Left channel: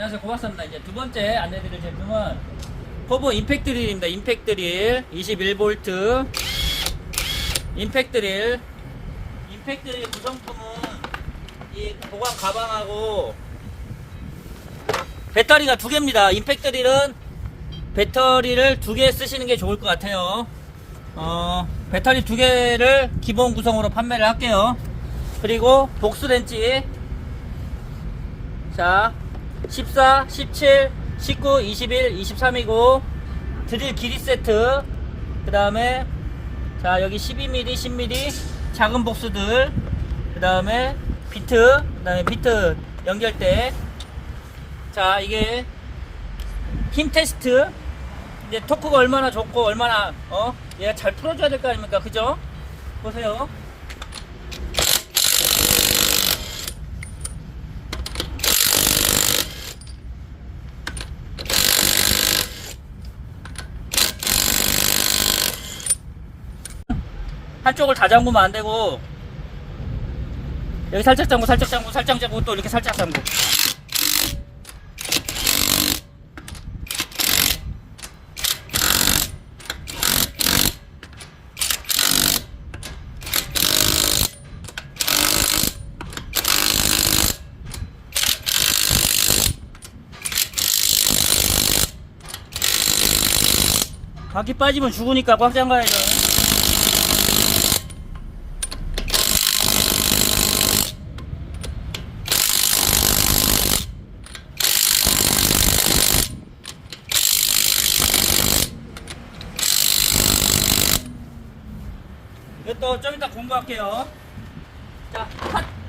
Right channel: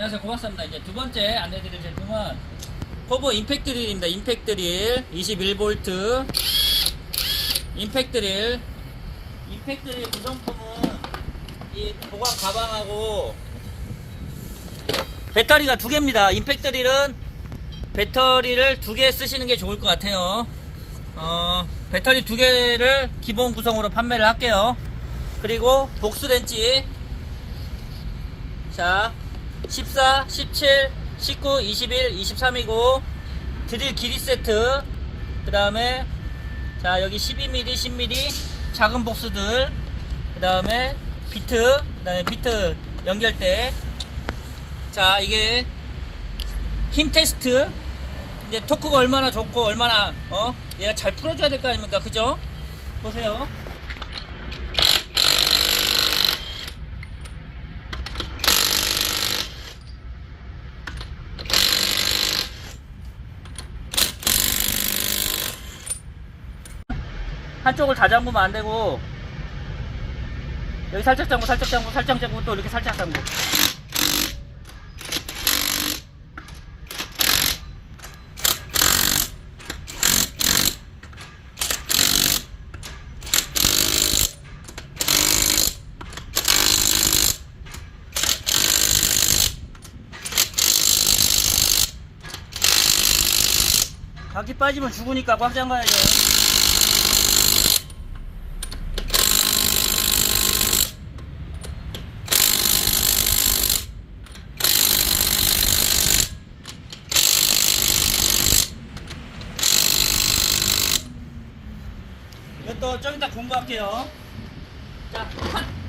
안녕하세요. 고맙습니다. 이제 두 번째 안내드릴 제품은 포브 임팩트 드릴입니다. 임팩트 드릴 21V 임팩트 드릴 임팩트 드릴 구성품은 이 보관 가방하고 배터리가 두 개입니다. 임팩트 드릴은 배터리를 두 개 쓰시는 게 좋을 것 같아요. 어, 배터리 두 개를 기본 구성으로 판매를 할게요. 그리고 복수 렌치 자, 14, 17, 19, 21, 23이고 드릴 길이 세트. 그 다음에 자 여기 12mm, 10mm 작은 복수들. 그 다음에 비트 그 다음에 비트 연결대 자 이게 힘 테스트. 이제 토크가 얼마나 좋고 얼마나 어? 얘가 잘 풀어줘야 될 거 아닙니까? 그죠? 보세요 한쪽을 다 잠그면 안 되고 여기 살짝 잠고 살짝 잠고 살짝 잠고 또 이렇게 살짝 잠고. 바퀴 빠지면 죽으니까 꽉 잠가야죠 이것도 좀 이따 공부할게요. 자, 컷!